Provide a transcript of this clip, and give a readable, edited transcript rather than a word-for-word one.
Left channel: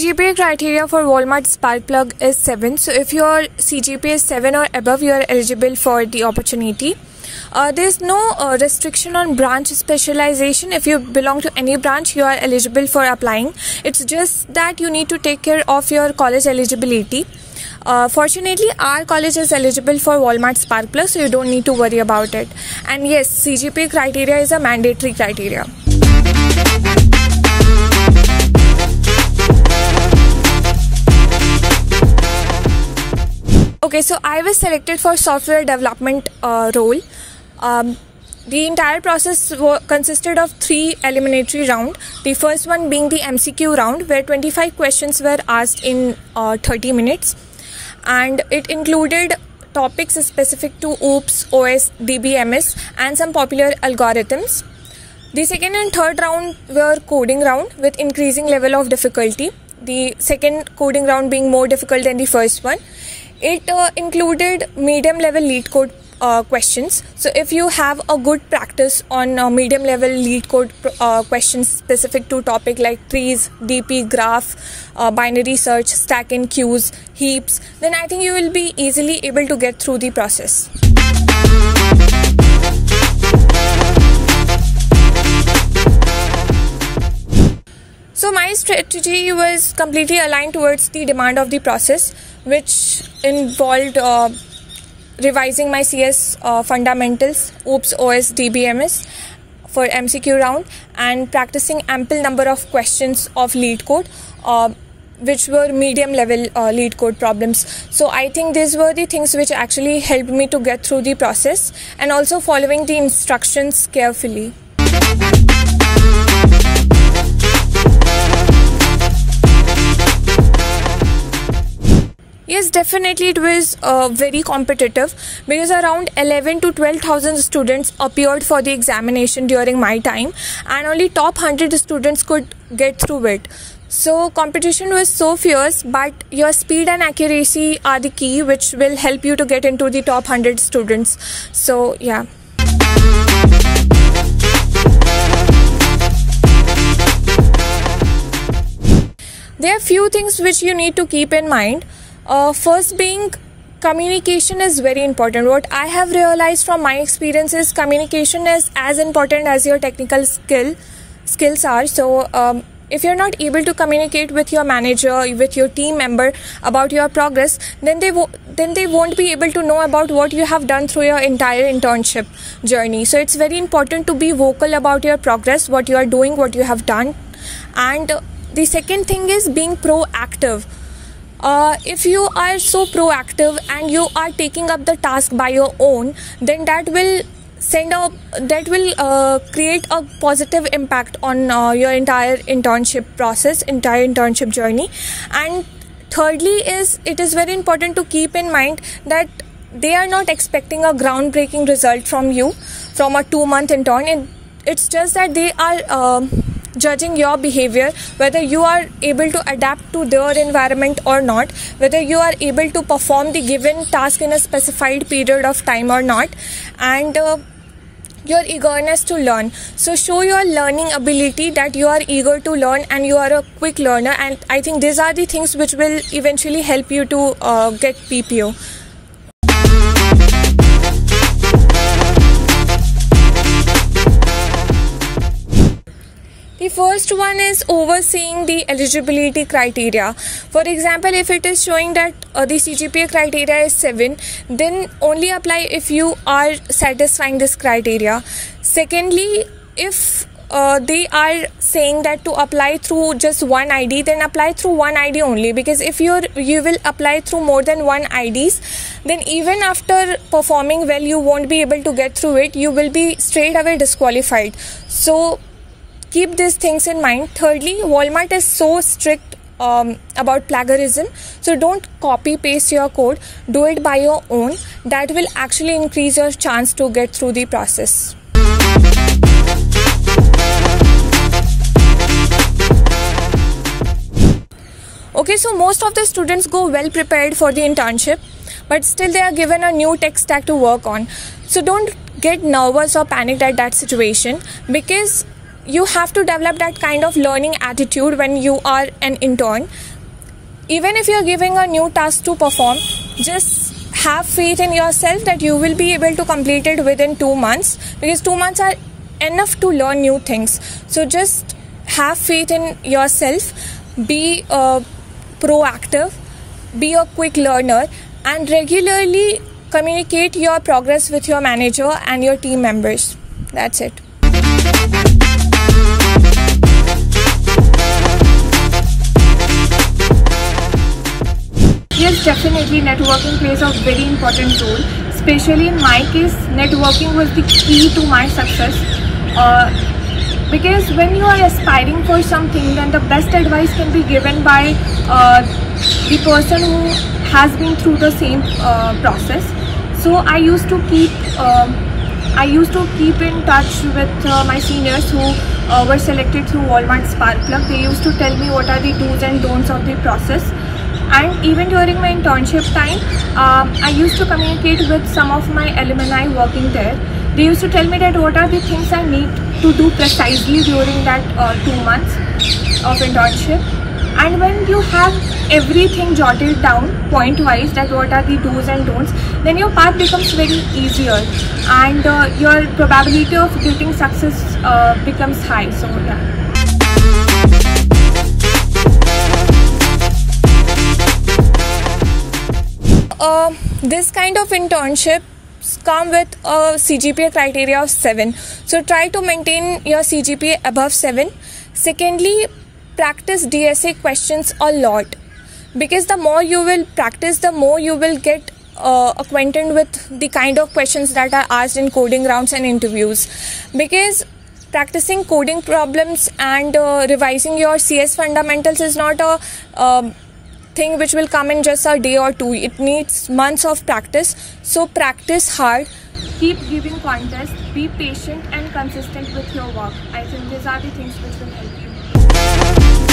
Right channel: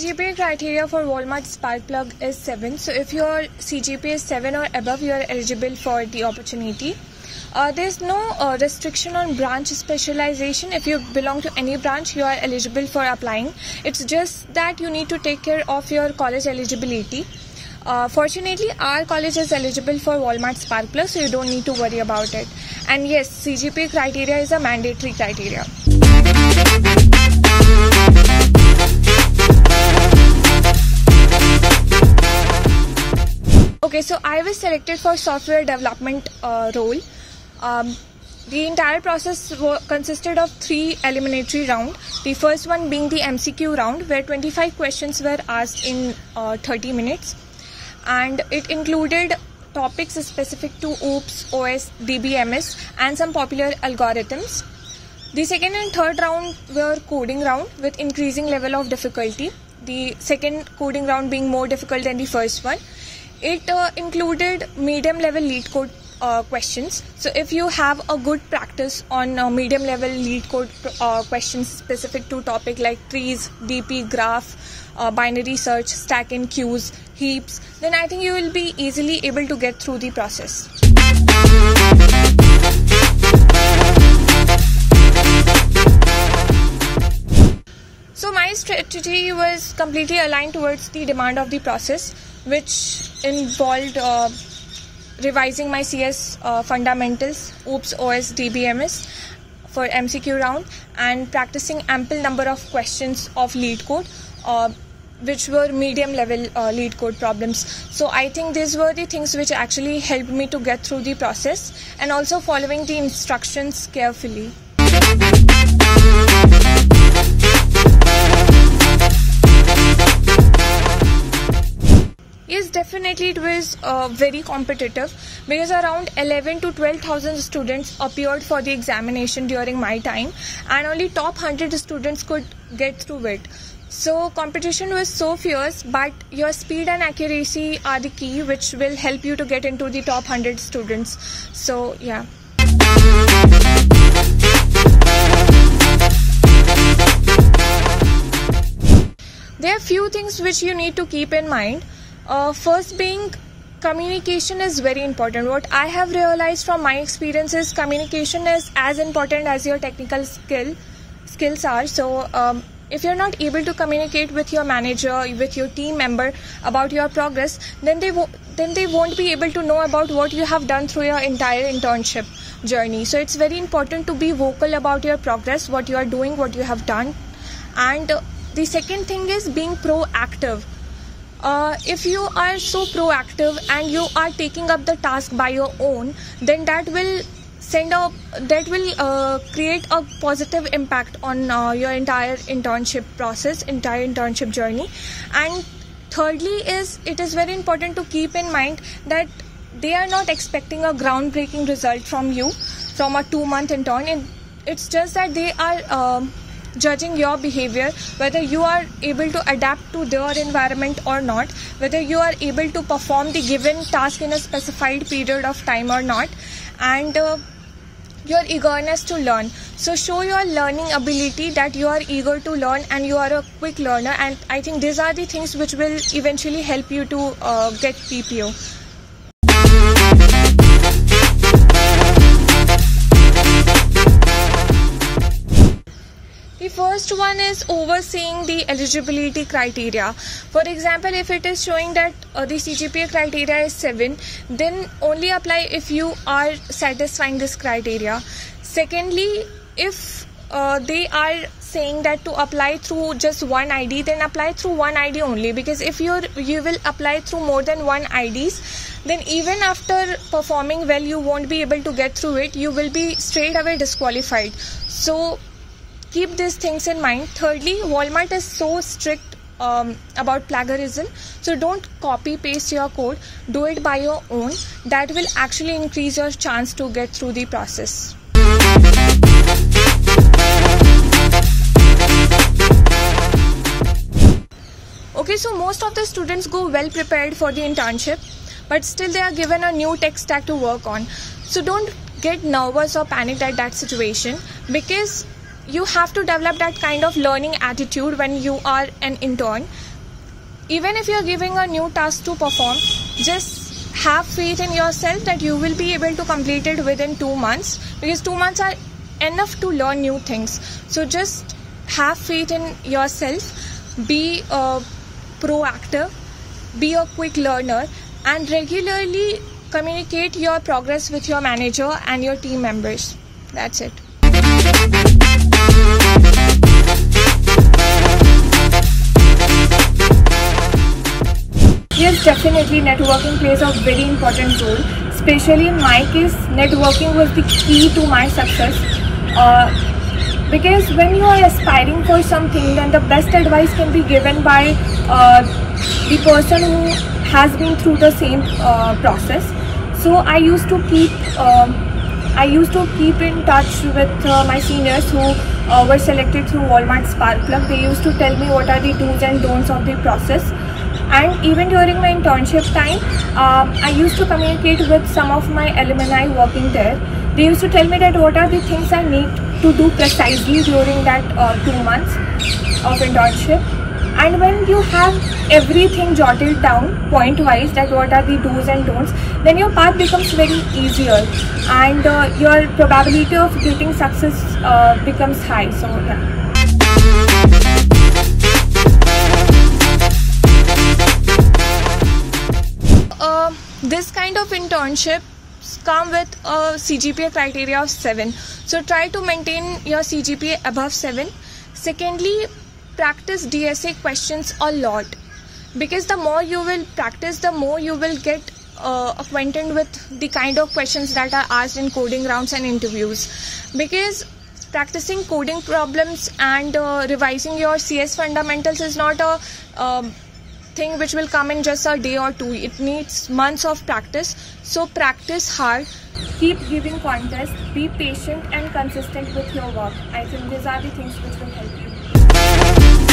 CGPA criteria for Walmart Spark Plug is 7. So if your CGPA is 7 or above, you are eligible for the opportunity. There is no restriction on branch specialization. If you belong to any branch, you are eligible for applying. It's just that you need to take care of your college eligibility. Fortunately, our college is eligible for Walmart Spark Plug, so you don't need to worry about it. And yes, CGPA criteria is a mandatory criteria. Okay, so I was selected for software development role. The entire process consisted of 3 eliminatory rounds. The first one being the MCQ round, where 25 questions were asked in 30 minutes. And it included topics specific to OOPS, OS, DBMS and some popular algorithms. The second and third round were coding round with increasing level of difficulty. The second coding round being more difficult than the first one. It included medium level lead code questions. So if you have a good practice on medium level lead code questions specific to topic like trees, DP, graph, binary search, stack and queues, heaps, then I think you will be easily able to get through the process. So my strategy was completely aligned towards the demand of the process, which involved revising my CS fundamentals, OOPS, OS, DBMS for MCQ round, and practicing ample number of questions of lead code, which were medium level lead code problems. So I think these were the things which actually helped me to get through the process, and also following the instructions carefully. Yes, definitely it was very competitive, because around 11 to 12,000 students appeared for the examination during my time, and only top 100 students could get through it. So competition was so fierce, but your speed and accuracy are the key which will help you to get into the top 100 students. So yeah. There are few things which you need to keep in mind. First being, communication is very important. What I have realized from my experience is communication is as important as your technical skills are. So if you're not able to communicate with your manager, with your team member about your progress, then they won't be able to know about what you have done through your entire internship journey. So it's very important to be vocal about your progress, what you are doing, what you have done. And the second thing is being proactive. If you are so proactive and you are taking up the task by your own, then that will create a positive impact on your entire internship process, entire internship journey. And thirdly it is very important to keep in mind that they are not expecting a groundbreaking result from you from a 2-month intern. It's just that they are judging your behavior, whether you are able to adapt to their environment or not, whether you are able to perform the given task in a specified period of time or not, and your eagerness to learn. So show your learning ability, that you are eager to learn and you are a quick learner, and I think these are the things which will eventually help you to get PPO. The first one is overseeing the eligibility criteria. For example, if it is showing that the CGPA criteria is 7, then only apply if you are satisfying this criteria. Secondly, if they are saying that to apply through just one ID, then apply through one ID only, because if you will apply through more than one IDs, then even after performing well, you won't be able to get through it. You will be straight away disqualified. So keep these things in mind. Thirdly, Walmart is so strict about plagiarism, so don't copy paste your code, do it by your own. That will actually increase your chance to get through the process. Okay, so most of the students go well prepared for the internship, but still they are given a new tech stack to work on. So don't get nervous or panicked at that situation, because you have to develop that kind of learning attitude when you are an intern. Even if you're giving a new task to perform, just have faith in yourself that you will be able to complete it within 2 months, because 2 months are enough to learn new things. So just have faith in yourself, be proactive, be a quick learner, and regularly communicate your progress with your manager and your team members. That's it. Yes, definitely networking plays a very important role. Especially in my case, networking was the key to my success. Because when you are aspiring for something, then the best advice can be given by the person who has been through the same process. So I used to keep in touch with my seniors who were selected through Walmart Spark Plug. They used to tell me what are the do's and don'ts of the process. And even during my internship time, I used to communicate with some of my alumni working there. They used to tell me that what are the things I need to do precisely during that 2 months of internship. And when you have everything jotted down point-wise, that what are the do's and don'ts, then your path becomes very easier, and your probability of getting success becomes high. So yeah. This kind of internships come with a CGPA criteria of 7. So try to maintain your CGPA above 7. Secondly, practice DSA questions a lot, because the more you will practice, the more you will get acquainted with the kind of questions that are asked in coding rounds and interviews. Because practicing coding problems and revising your CS fundamentals is not a thing which will come in just a day or two. It needs months of practice. So practice hard. Keep giving contests. Be patient and consistent with your work. I think these are the things which will help you.